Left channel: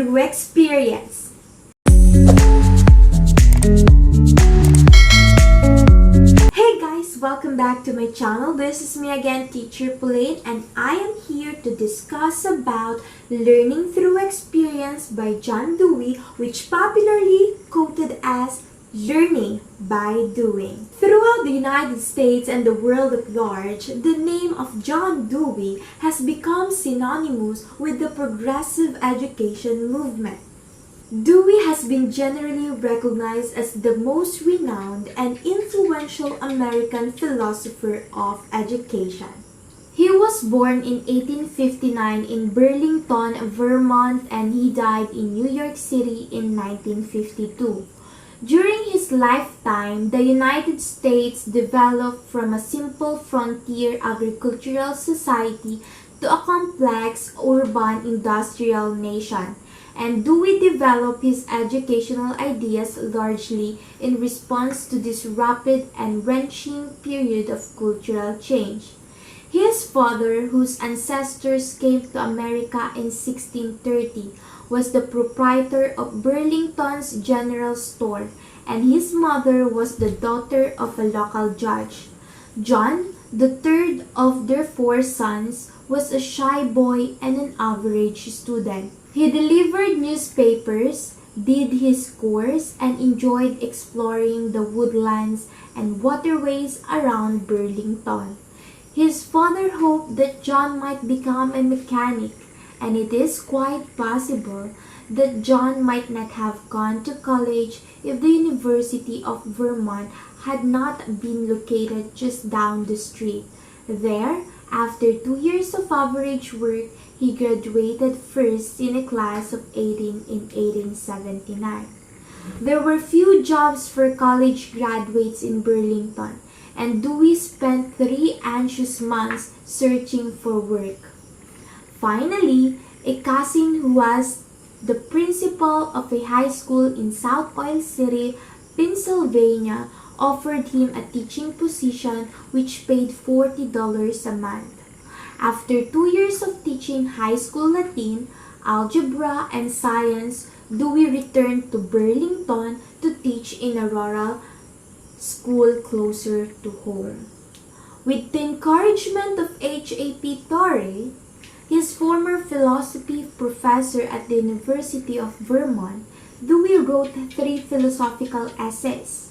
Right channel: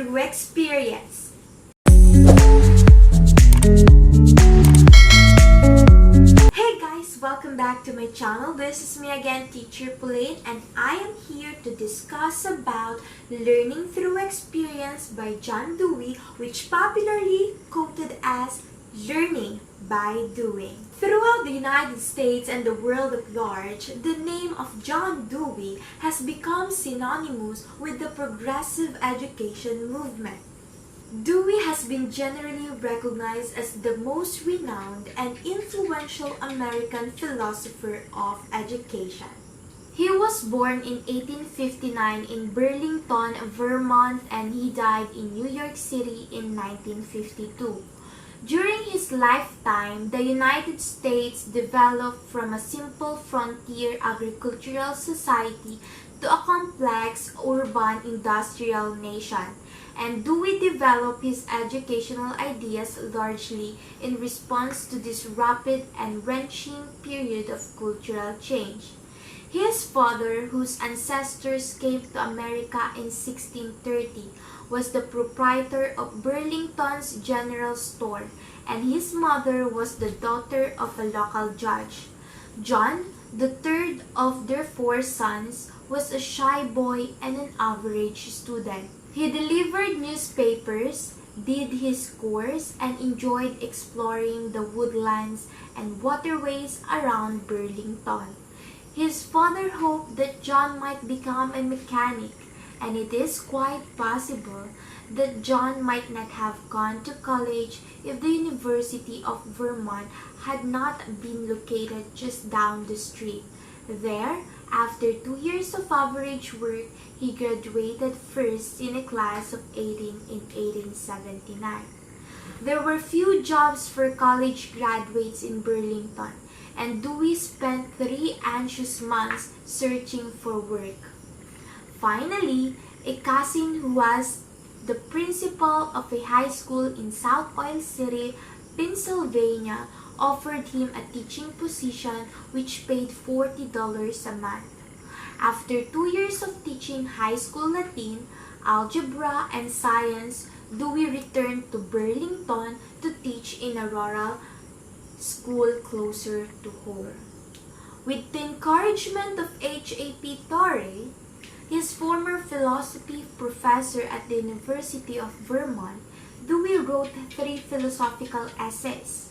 through experience. Hey guys, welcome back to my channel. This is me again, Teacher Pauline, and I am here to discuss about Learning Through Experience by John Dewey, which popularly quoted as learning by doing. Throughout the United States and the world at large, the name of John Dewey has become synonymous with the progressive education movement. Dewey has been generally recognized as the most renowned and influential American philosopher of education. He was born in 1859 in Burlington, Vermont, and he died in New York City in 1952. During his lifetime, the United States developed from a simple frontier agricultural society to a complex urban industrial nation, and Dewey developed his educational ideas largely in response to this rapid and wrenching period of cultural change. His father, whose ancestors came to America in 1630, was the proprietor of Burlington's General Store, and his mother was the daughter of a local judge. John, the third of their four sons, was a shy boy and an average student. He delivered newspapers, did his course, and enjoyed exploring the woodlands and waterways around Burlington. His father hoped that John might become a mechanic, and it is quite possible that John might not have gone to college if the University of Vermont had not been located just down the street. There, after 2 years of average work, he graduated first in a class of 18 in 1879. There were few jobs for college graduates in Burlington, and Dewey spent 3 anxious months searching for work. Finally, a cousin who was the principal of a high school in South Oil City, Pennsylvania, offered him a teaching position which paid $40 a month. After 2 years of teaching high school Latin, algebra, and science, Dewey returned to Burlington to teach in a rural school closer to home. With the encouragement of H.A.P. Torrey, his former philosophy professor at the University of Vermont, Dewey wrote 3 philosophical essays,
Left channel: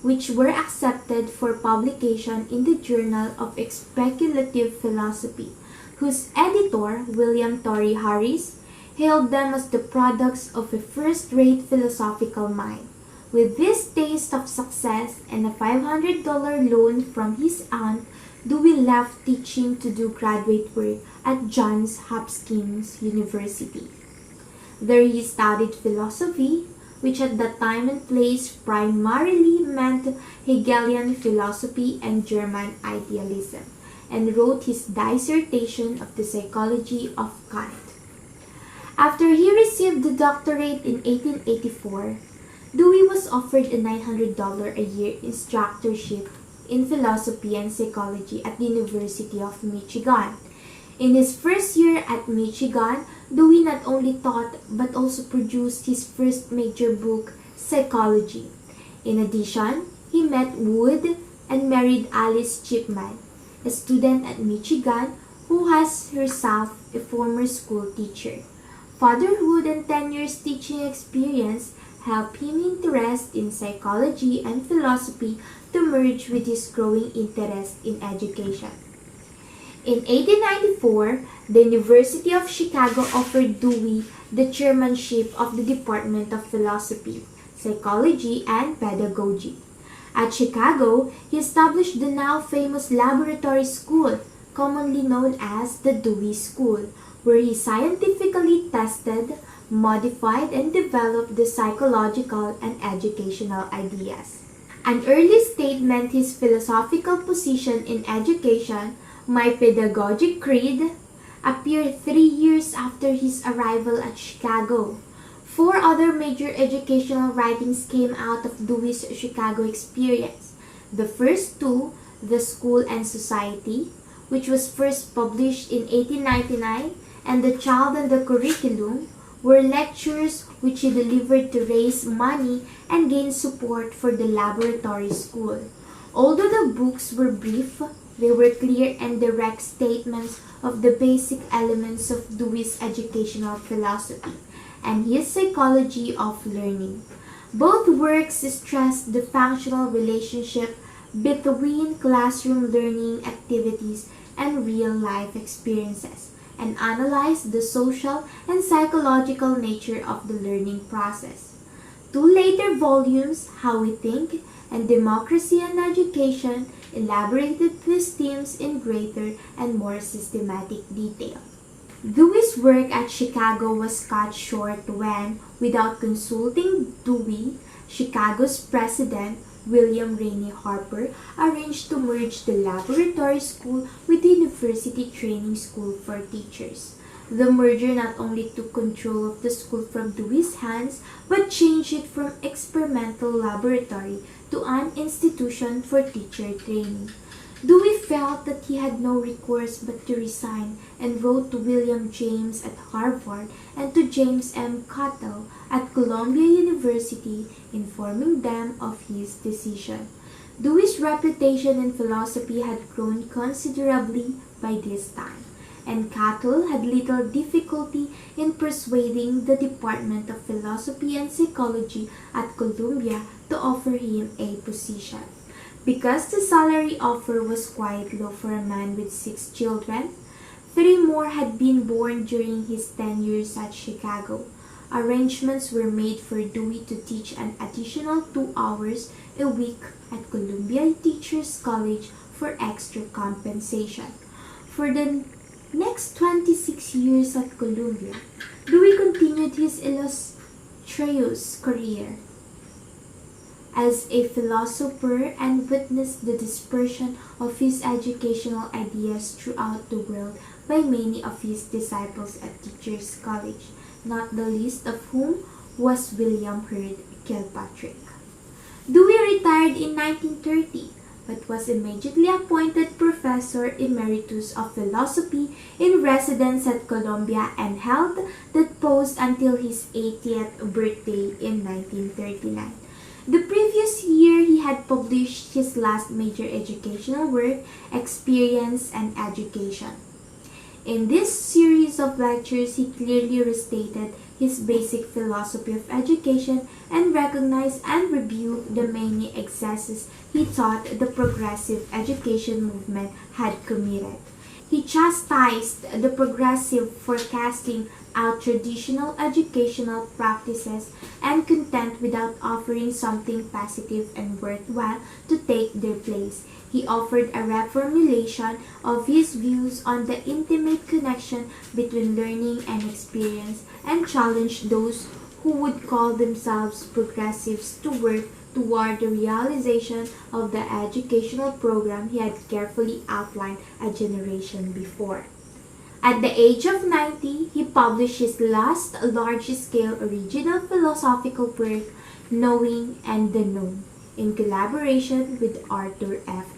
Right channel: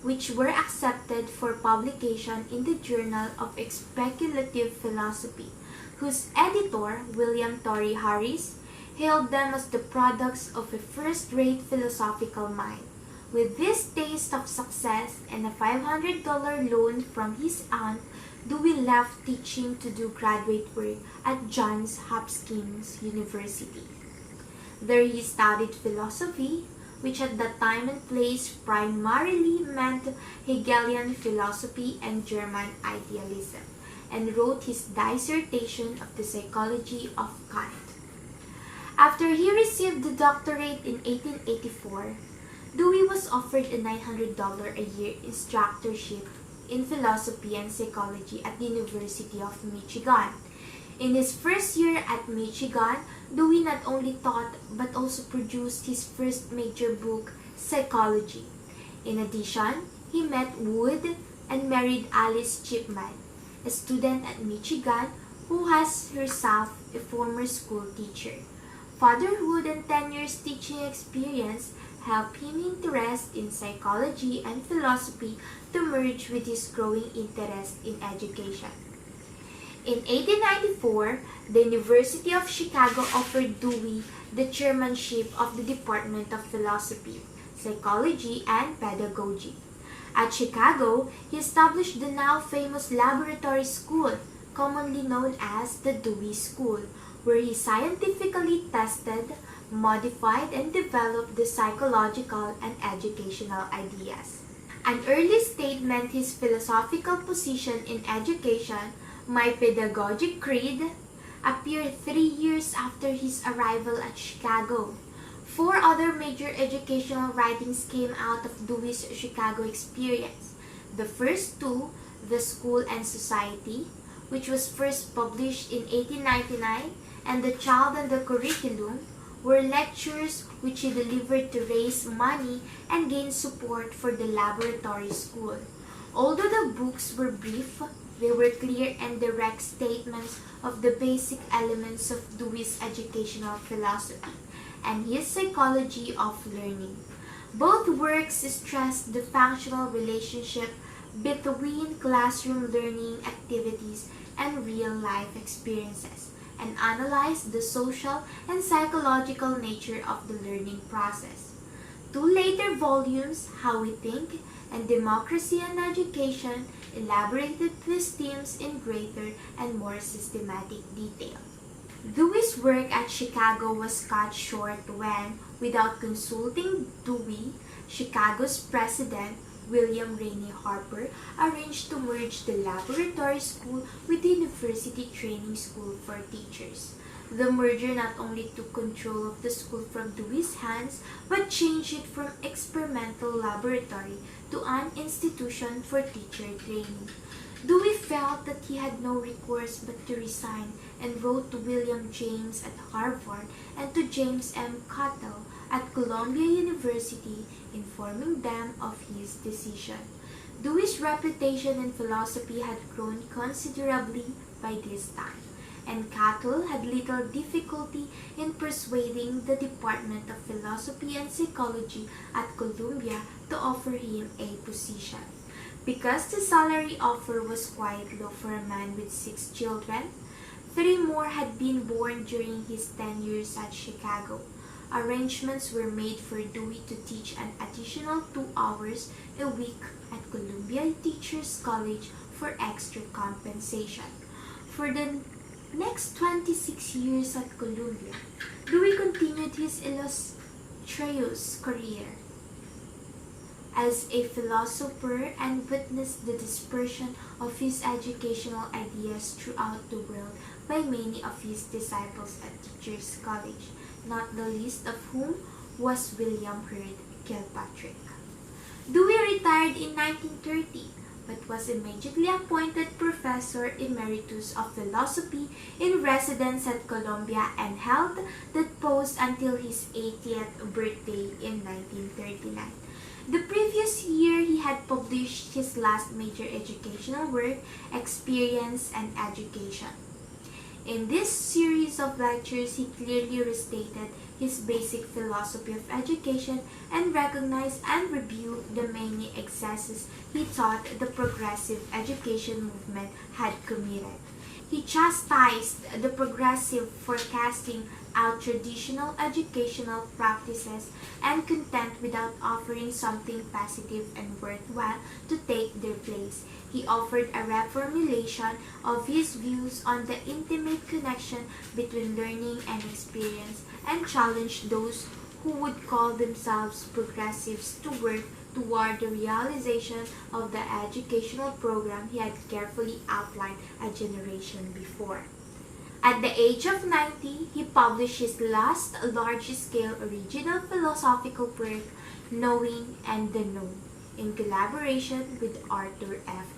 which were accepted for publication in the Journal of Speculative Philosophy, whose editor, William Torrey Harris, hailed them as the products of a first-rate philosophical mind. With this taste of success and a $500 loan from his aunt, Dewey left teaching to do graduate work at Johns Hopkins University. There he studied philosophy, which at that time and place primarily meant Hegelian philosophy and German idealism, and wrote his dissertation of the psychology of Kant. After he received the doctorate in 1884, Dewey was offered a $900 a year instructorship in philosophy and psychology at the University of Michigan. In his first year at Michigan, Dewey not only taught but also produced his first major book, Psychology. In addition, he met Wood and married Alice Chipman, a student at Michigan who was herself a former school teacher. Fatherhood and 10 years teaching experience helped him interest in psychology and philosophy to merge with his growing interest in education. In 1894, the University of Chicago offered Dewey the chairmanship of the Department of Philosophy, Psychology, and Pedagogy. At Chicago, he established the now famous Laboratory School, commonly known as the Dewey School, where he scientifically tested, modified, and developed the psychological and educational ideas. An early statement, his philosophical position in education, My Pedagogic Creed, appeared 3 years after his arrival at Chicago. 4 other major educational writings came out of Dewey's Chicago experience. The first 2, The School and Society, which was first published in 1899, and The Child and the Curriculum, were lectures which he delivered to raise money and gain support for the laboratory school. Although the books were brief, they were clear and direct statements of the basic elements of Dewey's educational philosophy and his psychology of learning. Both works stressed the functional relationship between classroom learning activities and real-life experiences, and analyzed the social and psychological nature of the learning process. Two later volumes, How We Think and Democracy and Education, elaborated these themes in greater and more systematic detail. Dewey's work at Chicago was cut short when, without consulting Dewey, Chicago's president, William Rainey Harper, arranged to merge the laboratory school with the University Training School for Teachers. The merger not only took control of the school from Dewey's hands, but changed it from experimental laboratory to an institution for teacher training. Dewey felt that he had no recourse but to resign and wrote to William James at Harvard and to James M. Cattell at Columbia University, informing them of his decision. Dewey's reputation in philosophy had grown considerably by this time, and Cattell had little difficulty in persuading the Department of Philosophy and Psychology at Columbia to offer him a position. Because the salary offer was quite low for a man with 6 children, 3 more had been born during his 10 years at Chicago. Arrangements were made for Dewey to teach an additional 2 hours a week at Columbia Teachers College for extra compensation. For the next 26 years at Columbia, Dewey continued his illustrious career as a philosopher and witnessed the dispersion of his educational ideas throughout the world by many of his disciples at Teachers College, not the least of whom was William Hurd Kilpatrick. Dewey retired in 1930, but was immediately appointed Professor Emeritus of Philosophy in residence at Columbia and held that post until his 80th birthday in 1939. The previous year, he had published his last major educational work, Experience and Education. In this series of lectures, he clearly restated his basic philosophy of education and recognized and rebuked the many excesses he thought the progressive education movement had committed. He chastised the progressive for casting out traditional educational practices and content without offering something positive and worthwhile to take their place. He offered a reformulation of his views on the intimate connection between learning and experience and challenged those who would call themselves progressives to work toward the realization of the educational program he had carefully outlined a generation before. At the age of 90, he published his last large-scale original philosophical work, Knowing and the Known, in collaboration with Arthur F.